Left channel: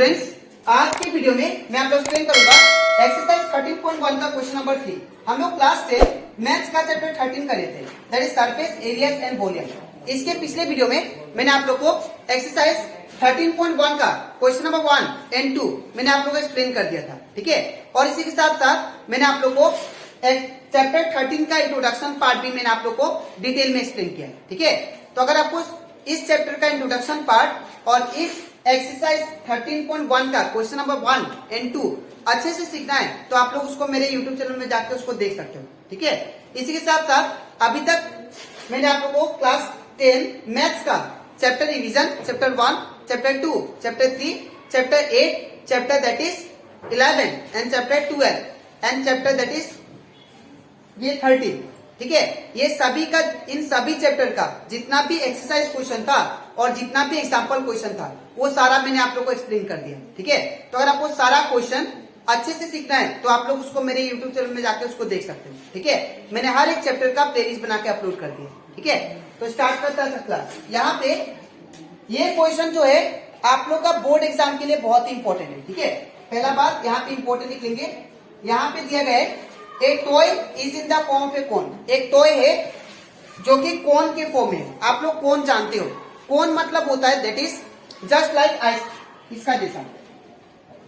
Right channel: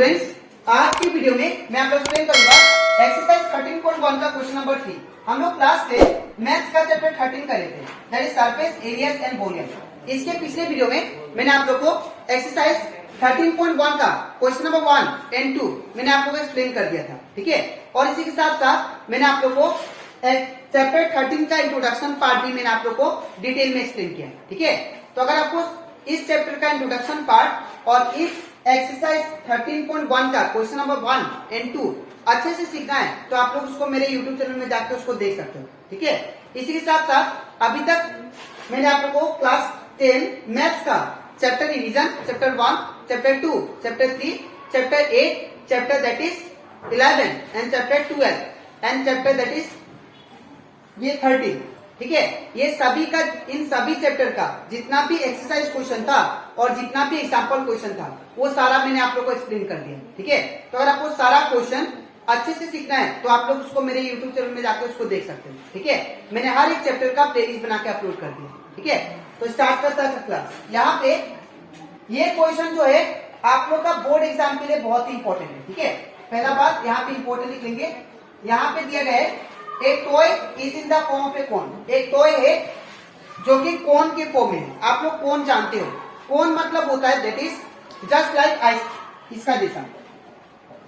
Students, आज की video में मैं आपको एक्सप्लेन करूंगा एक्सरसाइज 13.1 का क्वेश्चन नंबर 3। हम लोग क्लास 10 मैथ्स का चैप्टर 13 करे थे, that is surface areas and volume. इसके पिछले वीडियो में मैंने आप लोग को एक्सरसाइज 13.1 का क्वेश्चन नंबर 1 एंड 2 मैंने आप लोग को एक्सप्लेन कर दिया था, ठीक है। और इसी के साथ साथ मैंने आप लोग को चैप्टर 13 का इंट्रोडक्शन पार्ट भी मैंने आप लोग को डिटेल में एक्सप्लेन किया, ठीक है। तो अगर आपको इस चैप्टर का इंट्रोडक्शन पार्ट और इस एक्सरसाइज 13.1 का क्वेश्चन नंबर 1 एंड 2 अच्छे से सीखना है तो आप लोग उसको मेरे यूट्यूब चैनल में जाकर उसको देख सकते हो, ठीक है। इसी के साथ साथ अभी तक मैंने आप लोग को क्लास 10 मैथ्स का chapter revision, chapter 1, chapter 2, chapter 3, chapter 8, chapter that is 11 and chapter 12 and chapter that is ये 13, ठीक है। ये सभी का, इन सभी चैप्टर का जितना भी एक्सरसाइज क्वेश्चन था और जितना भी एग्जाम्पल क्वेश्चन था वो सारा मैंने आप लोग को एक्सप्लेन कर दिया, ठीक है। तो अगर आपको सारा क्वेश्चन अच्छे से सीखना है तो आप लोग उसको मेरे यूट्यूब चैनल में जाकर उसको देख सकते हैं, ठीक है। मैंने हर एक चैप्टर का प्लेलिस्ट बना के अपलोड कर दिया, ठीक है। तो स्टार्ट करता है क्लास। यहाँ पे ये क्वेश्चन जो है आप लोग का बोर्ड एग्जाम के लिए बहुत ही इंपॉर्टेंट है, ठीक है। पहला बात यहाँ पे इंपॉर्टेंट लिखेंगे, यहाँ पे दिया गया है एक toy is in the form of a cone. एक टॉय है जो कि कोन के फॉर्म में है। आप लोग कोन जानते हो, कोन मतलब होता है that is just like ice, इसका जैसा।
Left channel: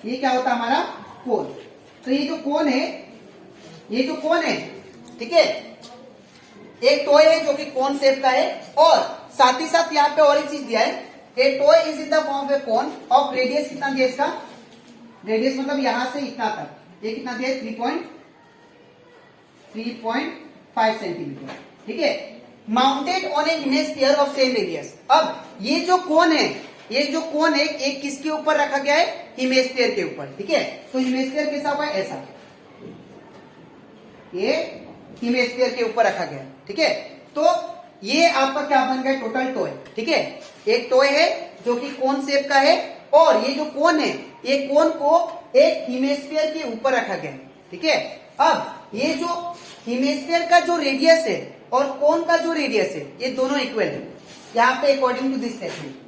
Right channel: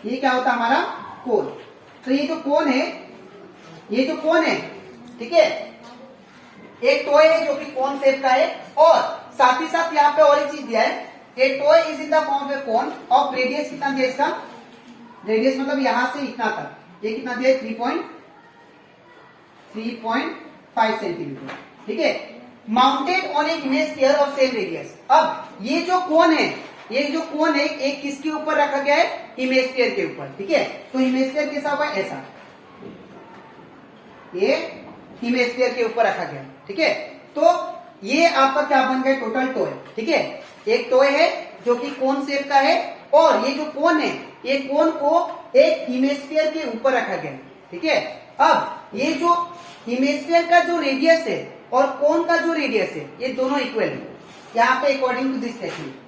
ये क्या होता है हमारा कोन। तो ये जो कोन है, ये जो कोन है, ठीक है, एक टॉय है जो कि कोन शेप का है। और साथ ही साथ यहाँ पे और एक चीज दिया है, ए toy is in the form of a cone of radius कितना दिया इसका, रेडियस मतलब यहां से इतना तक, ये कितना दिया 3.5 सेंटीमीटर, ठीक है। Mounted on A image sphere of same radius. अब ये जो कोन है, ये जो कोन है एक किसके ऊपर रखा गया है, इमेज स्फीयर के ऊपर, ठीक है। तो इमेज स्फीयर कैसा होगा, ऐसा, ये इमेज स्फीयर के ऊपर रखा गया है, ठीक है। तो ये आपका क्या बन गया, टोटल टॉय, ठीक है। एक टॉय है जो कि कोन शेप का है और ये जो कोन है, ये कोन को एक इमेज स्फीयर के ऊपर रखा गया है, ठीक है। अब ये जो हेमिस्फीयर का जो रेडियस है और कोन का जो रेडियस है ये दोनों इक्वल है। यहाँ पे according to this technique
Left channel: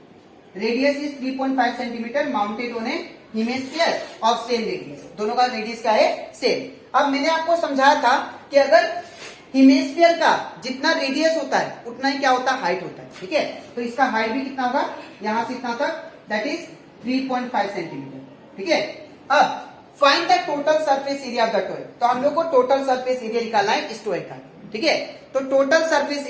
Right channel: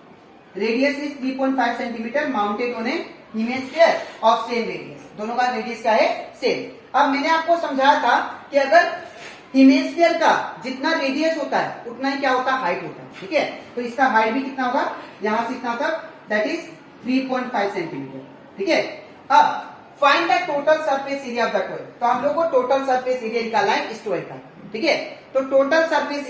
radius is 3.5 centimetre mounted on a hemisphere of same radius. दोनों का रेडियस क्या है, सेम। अब मैंने आपको समझाया था कि अगर हेमिस्फीयर का जितना रेडियस होता है उतना ही क्या होता है, हाइट होता है, ठीक है। तो इसका हाइट भी कितना होगा, यहां से इतना तक, दैट इज 3.5 सेंटीमीटर, ठीक है। अब find the total surface area of the toy. तो हम लोग को टोटल सरफेस एरिया निकालना है इस टॉय का, ठीक है। तो total surface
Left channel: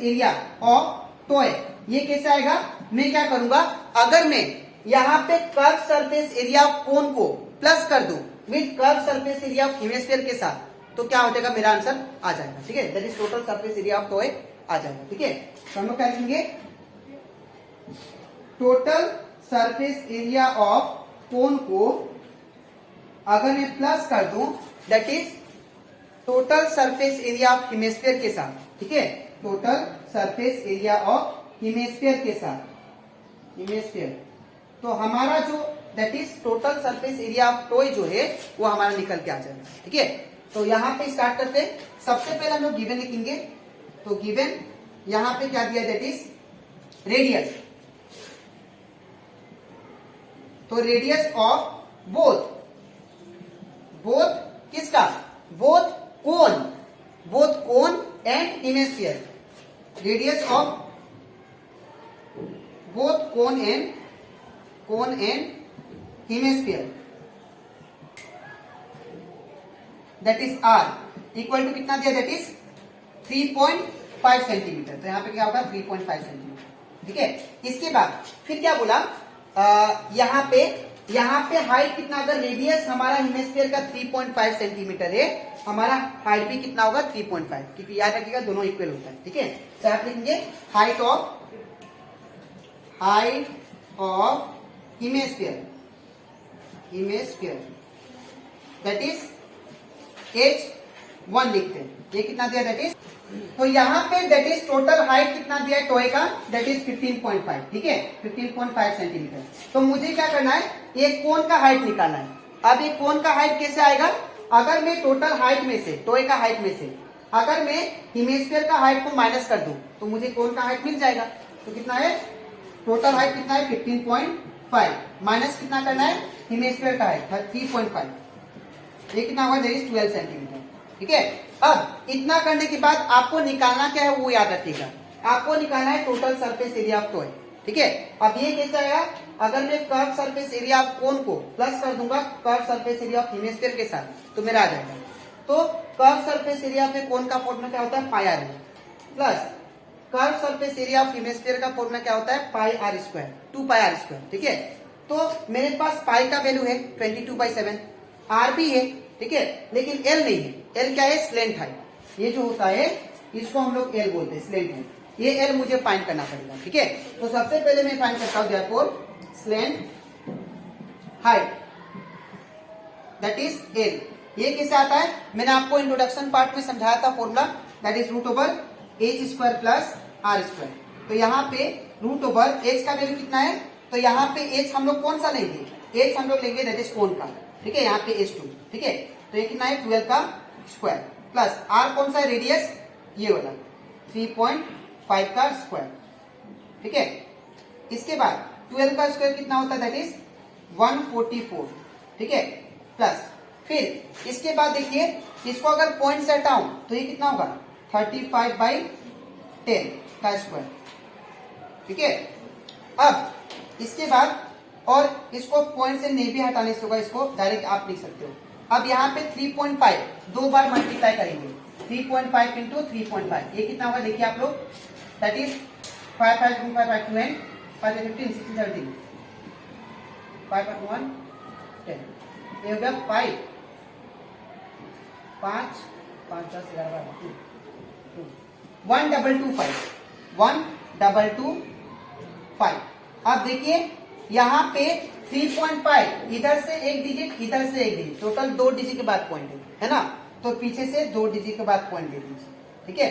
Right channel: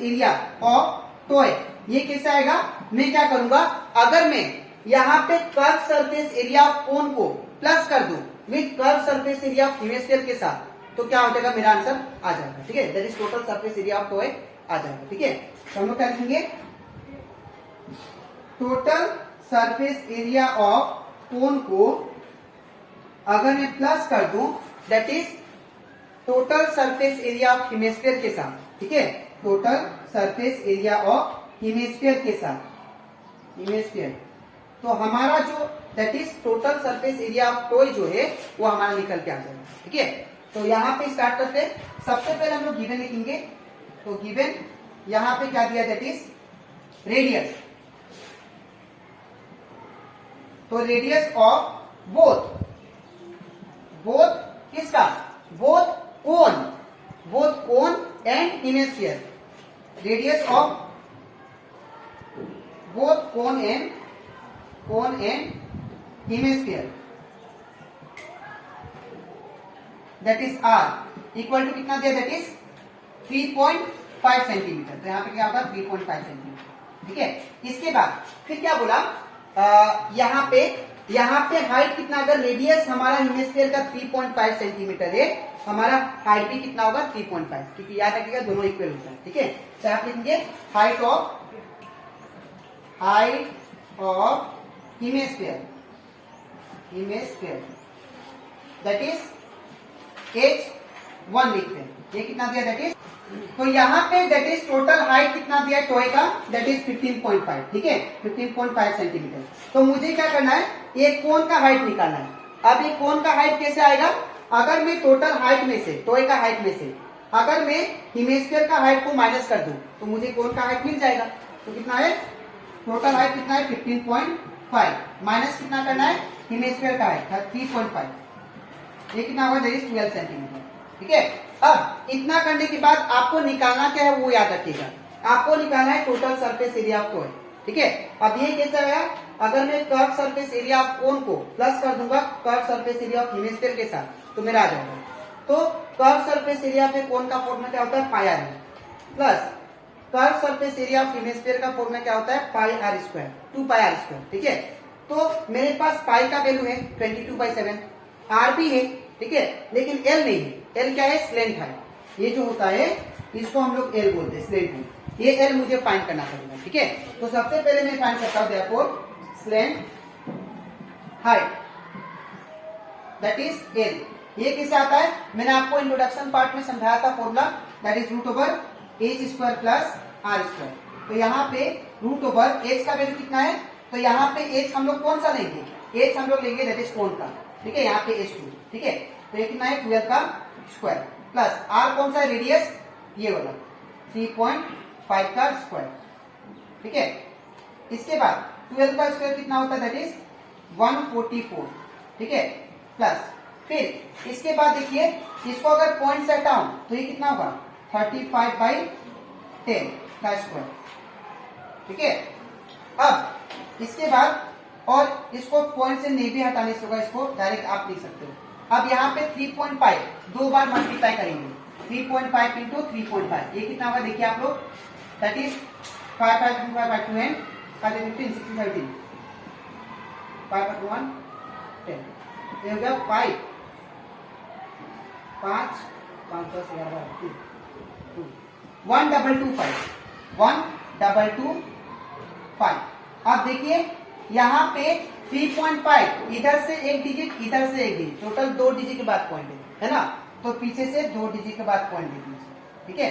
area of toy ये कैसे आएगा, मैं क्या करूंगा, अगर मैं यहाँ पे curve surface area of cone को प्लस कर दूं with curve surface area of hemisphere के साथ, तो क्या हो जाएगा, मेरा आंसर आ जाएगा, ठीक है। That is total surface area of toy आ जाएगा, ठीक है। तो हम लोग क्या लिखेंगे, total surface area of cone को अगर मैं प्लस कर दूं that is total surface area of hemisphere के साथ, ठीक है। Total surface area of hemisphere के साथ, हेमिस्फीयर, तो हमारा जो that is total surface area of toy जो है वो हमारा निकल के आ जाएगा, ठीक है। तो यहां पे स्टार्ट करते हैं। सबसे पहले हम लोग गिवन लिखेंगे। तो गिवन यहां पे क्या दिया, दैट इज रेडियस। तो रेडियस ऑफ बोथ किसका, both cone and hemisphere. Radius of both cone and hemisphere that is R equal to कितना दिया, दैट इज 3.5 सेंटीमीटर। तो यहां पे क्या होगा, 3.5 सेंटीमीटर, ठीक है। इसके बाद फिर क्या बोला, यहाँ पे हाइट कितना, अगर रेडियस हमारा हेमिस्फीयर का 3.5 सेंटीमीटर है, हमारा हाइट भी कितना होगा 3.5, क्योंकि याद रखिएगा दोनों इक्वल होता है, ठीक है। तो आप लिखेंगे height of hemisphere that is h1 लिखते हैं। ये कितना दिया, दैट इज, तो यहाँ पे दैट इज टोटल हाइट कितना दिया है टॉय का, दैट इज 15.5, ठीक है, 15.5 सेंटीमीटर। तो मुझे क्या करना है, ये कोन का हाइट निकालना है। अब ये कोन का हाइट कैसे आएगा, अगर मैं टोटल हाइट में से, टॉय का हाइट में से अगर मैं हेमिस्फीयर का हाइट को माइनस कर दूं तो मुझे कोन का हाइट मिल जाएगा। तो कितना है, टोटल हाइट कितना है, 5 माइनस कितना करना है, हेमिस्फीयर का है 3.5, ये कितना होगा, दैट इज 12 सेंटीमीटर। ठीक है, अब इतना करने के बाद आपको निकालना क्या है वो याद रखिएगा, आपको निकालना है total surface area of toy. ठीक है, अब ये कैसे आएगा, अगर मैं curve surface area of cone को प्लस कर दूंगा curve surface area of hemisphere के साथ तो मेरा आ जाएगा। तो कर्व सरफेस एरिया पे कोन का फॉर्मूला क्या होता है, pi r plus curve surface area of hemisphere का फॉर्मूला क्या होता है, pi r square, 2 pi r square. ठीक है, तो मेरे पास पाई का वैल्यू है 22/7, आर भी है, ठीक है, लेकिन एल नहीं है। एल क्या है, स्लेंट हाइट, ये जो होता है इसको हम लोग एल बोलते हैं, स्लेंट हाइट, ये एल मुझे फाइंड करना पड़ेगा। ठीक है, तो सबसे पहले मैं फाइंड करता हूं therefore slant height that is L. ये कैसे आता है, मैंने आपको इंट्रोडक्शन पार्ट में समझाया था formula, that is root over H square plus R square. तो यहाँ पे रूट ओवर एच का वैल्यू कितना है, तो यहाँ पे एच हम लोग कौन सा लेंगे, एच हम लोग लेंगे दैट इज कोन का। ठीक है, यहाँ पे H2, ठीक है, तो ये कितना है 12 का स्क्वायर प्लस आर कौन सा है, रेडियस ये वाला 3.5 का स्क्वायर। ठीक है, इसके बाद 12 का स्क्वायर कितना होता है, दैट इज 144। ठीक है, प्लस फिर इसके बाद देखिए इसको अगर पॉइंट से हटाऊं तो ये कितना होगा 35/10 का स्क्वायर। ठीक है, अब इसके बाद और इसको पॉइंट से नहीं भी हटाने से होगा, इसको डायरेक्ट आप लिख सकते हो। अब यहाँ पे 3.5 दो बार मल्टीप्लाई करेंगे, 3.5 इंटू 3.5 ये कितना होगा देखिए आप लोग, दैट इज 5 5 2 5 5 2 एंड 5 15 16 17 5 1 1 10, ये हो गया 5 5 5 10 11 12 1225 1225। अब देखिए यहाँ पे 3.5 इधर से एक डिजिट इधर से एक डिजिट, टोटल 2 डिजिट के बाद पॉइंट है ना, तो पीछे से 2 डिजिट के बाद पॉइंट दे दीजिए। ठीक है,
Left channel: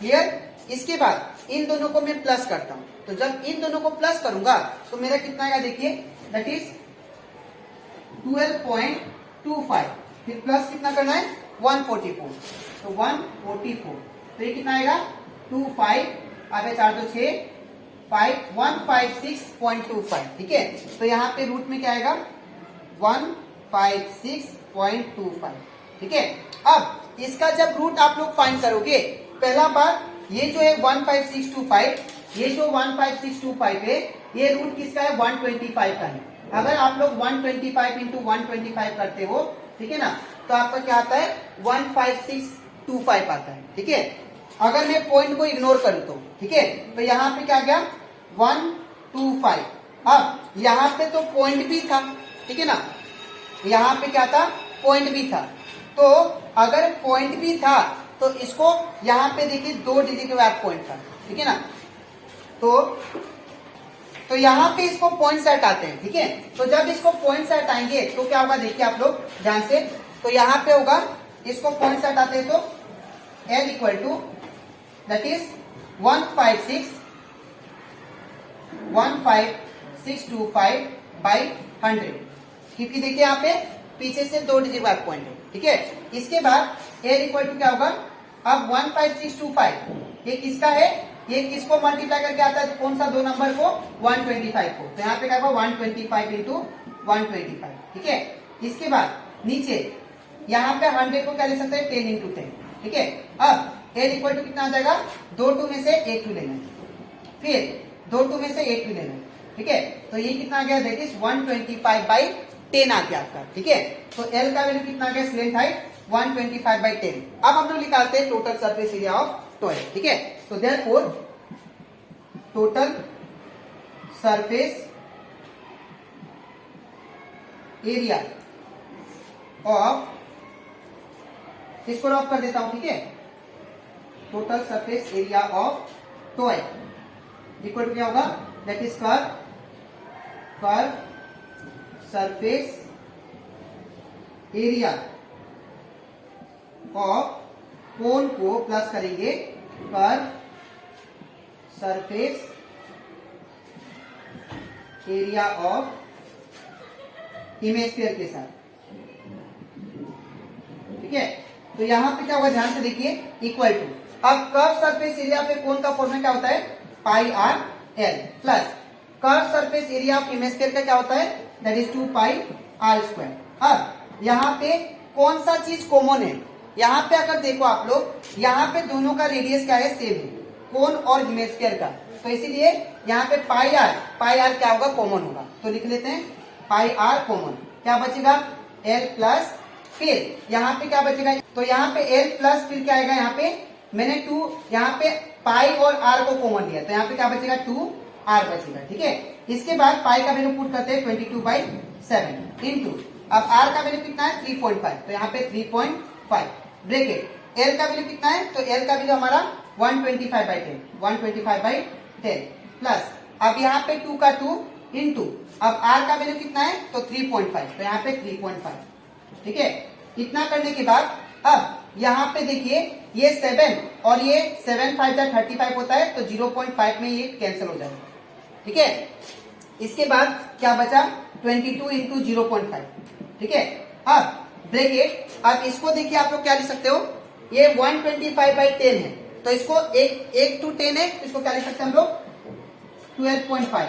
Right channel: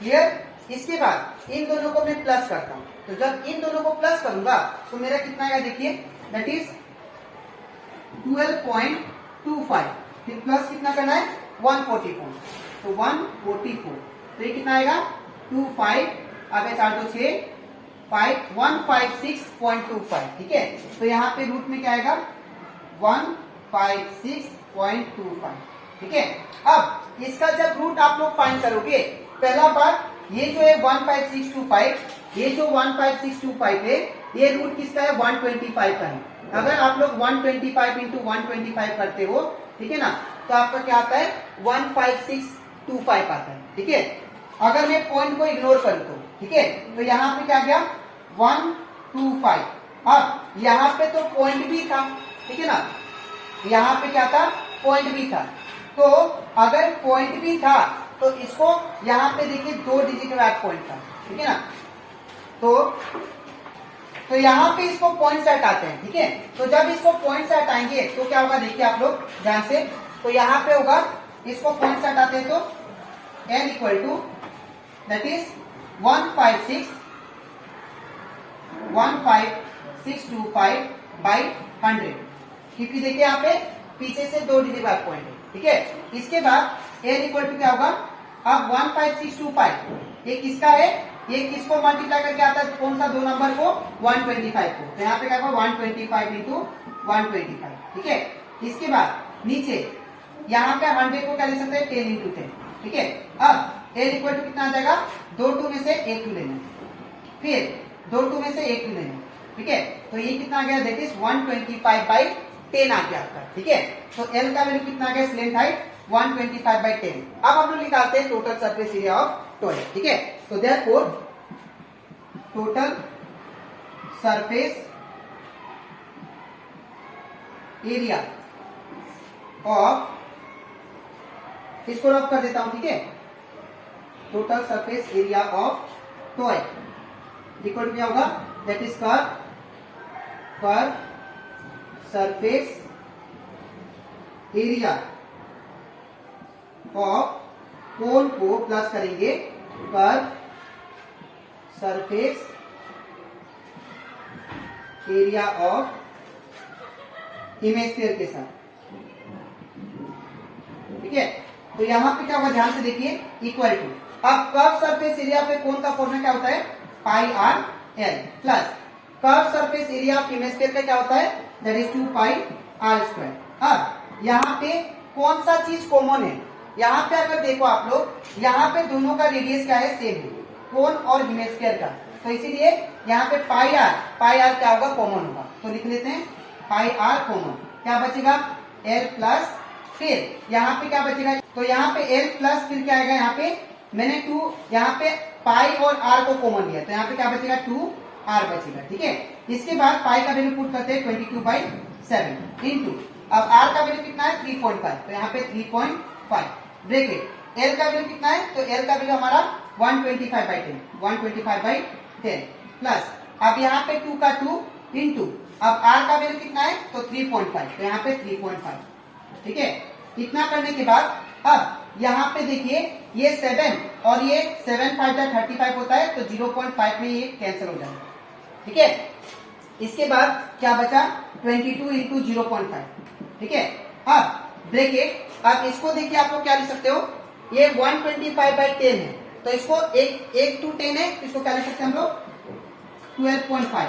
क्लियर। इसके बाद इन दोनों को मैं प्लस करता हूं, तो जब इन दोनों को प्लस करूंगा तो मेरा कितना आएगा देखिए, दैट इज 12.25, फिर प्लस कितना करना है 144, तो 144, तो ये कितना आएगा 25, आगे 4 2 6 156.25। ठीक है, तो यहाँ पे रूट में क्या आएगा 156.25। ठीक है, अब इसका जब रूट आप लोग फाइंड करोगे, पहला बार ये जो है 15625, ये जो 15625 है ये रूट किसका है 125 का है। अगर आप लोग 125 इंटू 125 करते हो, ठीक है ना, तो आपका क्या आता है 15625 आता है। ठीक है, अगर मैं पॉइंट को इग्नोर कर दूं, ठीक है, तो यहाँ पे क्या गया 125। अब यहाँ पे तो पॉइंट भी था, ठीक है ना, यहाँ पे क्या था पॉइंट भी था, तो अगर पॉइंट भी था तो इसको यहाँ पे देखिए 2 डिजिट के बाद पॉइंट था, ठीक है ना, तो यहाँ पे इसको पॉइंट से हटाते हैं। ठीक है, तो जब इसको पॉइंट से हटाएंगे तो क्या होगा देखिए आप लोग ध्यान से, तो यहाँ पे होगा इसको पॉइंट से हटाते हैं तो m equal to that is 15625/100, क्योंकि देखिए यहाँ पे पीछे से 2 डिजिट बैक पॉइंट है। ठीक है, इसके बाद l इक्वल टू क्या होगा, अब 15625 ये किसका है, ये किसको मल्टीप्लाई करके आता है, कौन सा 2 नंबर को 125 को, तो यहाँ पे क्या होगा 125 इंटू 125। ठीक है, इसके बाद नीचे यहाँ पे 100 को क्या ले सकते हैं 10 इंटू 10। ठीक है, अब l इक्वल टू कितना आ जाएगा, 2 2 में से 1 2 लेना, फिर 2 2 में से 1 2 लेना। ठीक है, तो ये कितना आ गया, दैट इज 125/10 आ गया आपका। ठीक है, तो l का वैल्यू कितना आ गया, स्लेंट हाइट 125/10। अब हम लोग निकालते हैं total surface area of toy. ठीक है, तो therefore total surface area of, इसको रफ कर देता हूं। ठीक है, total surface area of toy equal to क्या होगा, that is curve surface area of cone को प्लस करेंगे curve surface area of hemisphere के साथ। ठीक है, तो यहां पे क्या होगा ध्यान से देखिए, इक्वल टू, अब कर्व सरफेस एरिया पे कोन का फॉर्मूला क्या होता है, pi r l plus curve surface area of hemisphere का क्या होता है, that is 2 pi r square. अब यहाँ पे कौन सा चीज कॉमन है, यहाँ पे अगर देखो आप लोग, यहाँ पे दोनों का रेडियस क्या है, सेम है, कोन और इमेज स्फीयर का, तो इसीलिए यहाँ पे पाई आर क्या होगा, कॉमन होगा। तो लिख लेते हैं पाई आर कॉमन, क्या बचेगा एल प्लस, फिर यहाँ पे क्या बचेगा, तो यहाँ पे एल प्लस फिर क्या आएगा, यहाँ पे मैंने 2 यहाँ पे पाई और आर को कॉमन लिया, तो यहाँ पे क्या बचेगा 2 आर बचेगा, ठीक है। इसके बाद पाई का वैल्यू पुट करते हैं 22/7 इंटू, अब आर का वैल्यू कितना है 3.5, तो यहाँ पे 3.5 ब्रैकेट, एल का वैल्यू कितना है, तो एल का वैल्यू हमारा 125/10 प्लस, अब यहाँ पे 2 का 2 इंटू, अब आर का वैल्यू कितना है, तो 3.5, तो यहाँ पे 3.5, ठीक है। इतना करने के बाद अब यहाँ पे देखिए ये 7 और ये 7 5 35 होता है, तो 0.5 में ये कैंसिल हो जाएगा, ठीक है। इसके बाद क्या बचा 22 इंटू 0.5, ठीक है। अब ब्रैकेट, अब इसको देखिए आप लोग क्या लिख सकते हो, ये 125/10 है, तो इसको 1 to 10 है, इसको क्या लिख सकते हैं हम लोग 12.5,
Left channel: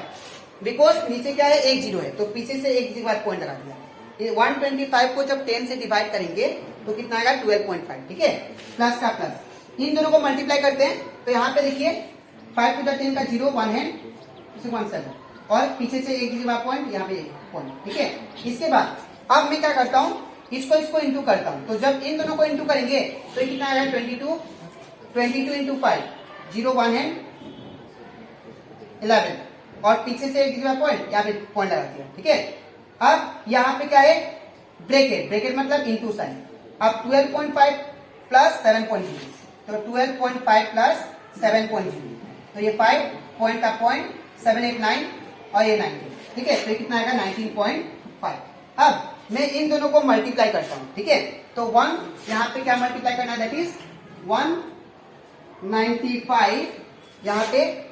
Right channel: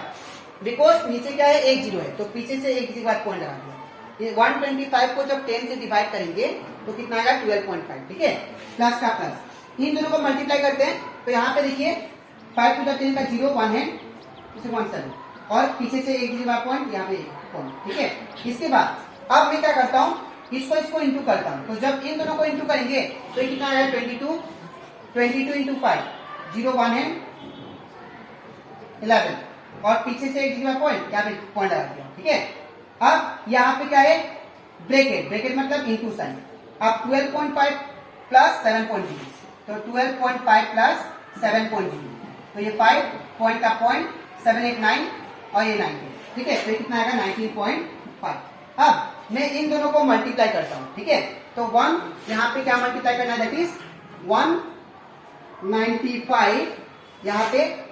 बिकॉज नीचे क्या है 1 0 है, तो पीछे से 1 के बाद पॉइंट लगा दिया। ये 125 को जब 10 से डिवाइड करेंगे तो कितना आएगा 12.5, ठीक है, प्लस का प्लस, इन दोनों को मल्टीप्लाई करते हैं, तो यहाँ पे देखिए 5 to the 10 का 0 1 है, 17 और पीछे से 1 पॉइंट, यहाँ पे पॉइंट, ठीक है। इसके बाद अब मैं क्या करता हूँ, इसको इंटू करता हूँ, तो जब इन दोनों को इंटू करेंगे तो ये कितना आएगा 22 इंटू 5, 0 1 है 11 और पीछे से 1 पॉइंट, यहाँ पे पॉइंट लगा दिया, ठीक है। अब यहाँ पे क्या है ब्रैकेट मतलब इंटू साइन, अब 12.5 प्लस 7.0, तो 12.5 प्लस 7.0, तो ये 5 पॉइंट का पॉइंट 7 8 9 और ये 19, ठीक है, तो ये कितना आएगा 19.5। अब मैं इन दोनों को मल्टीप्लाई करता हूँ, ठीक है, तो 1 यहाँ पे क्या मल्टीप्लाई करना है, दैट इज 195 यहाँ पे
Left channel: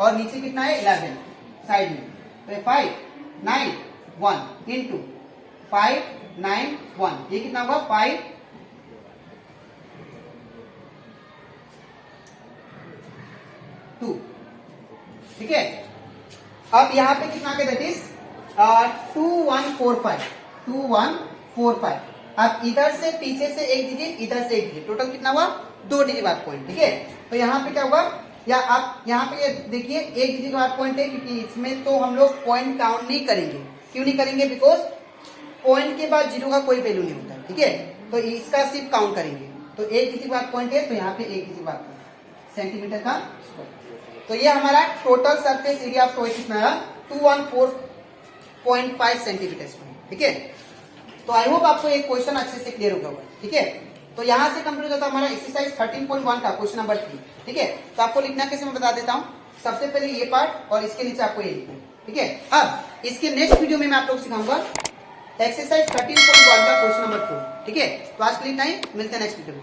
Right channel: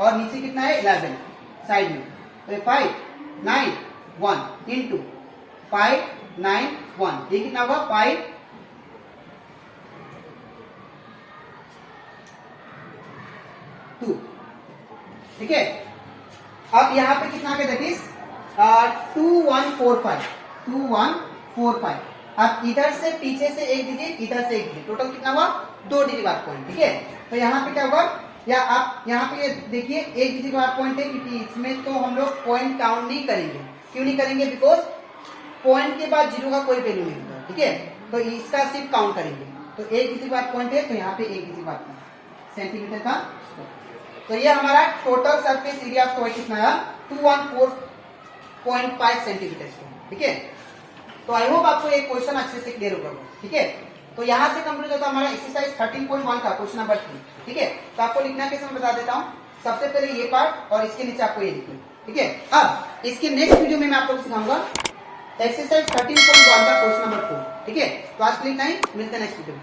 और नीचे कितना है 11 साइड में, तो 5 9 1 इंटू 5 9 1, ये कितना होगा 5 2, ठीक है। अब यहाँ पे कितना आ गया, दैट इज 2145। अब इधर से पीछे से 1 दीजिए, इधर से 1 दीजिए, टोटल कितना हुआ 2 डिजिट बाद पॉइंट, ठीक है। तो यहाँ पे क्या होगा, या आप यहाँ पे देखिए 1 डिजिट बाद पॉइंट है, क्योंकि इसमें तो हम लोग पॉइंट काउंट नहीं करेंगे, क्यों नहीं करेंगे, बिकॉज पॉइंट के बाद 0 का कोई वैल्यू नहीं होता, ठीक है, तो इसका सिर्फ काउंट करेंगे। तो 1 डिजिट बाद पॉइंट है, तो यहाँ पे 1 डिजिट बाद सेंटीमीटर का, तो ये हमारा total surface area of toy कितना है 214.5 सेंटीमीटर स्क्वायर, ठीक है। तो आई होप आपको एक क्वेश्चन अच्छे से क्लियर होगा, ठीक है। तो यहाँ से कंप्लीट होता है हमारा एक्सरसाइज 13.1 का क्वेश्चन नंबर 3, ठीक है। तो आपको लिखना कैसे मैं बता देता हूँ, सबसे पहले ये पार्ट और इसके नीचे आपको ये लिखना, ठीक है। अब इसके नेक्स्ट वीडियो में मैं आप लोग सिखाऊंगा एक्सरसाइज 13.1 का क्वेश्चन नंबर 4, ठीक है। तो आज के लिए इतना ही, मिलते हैं नेक्स्ट वीडियो में।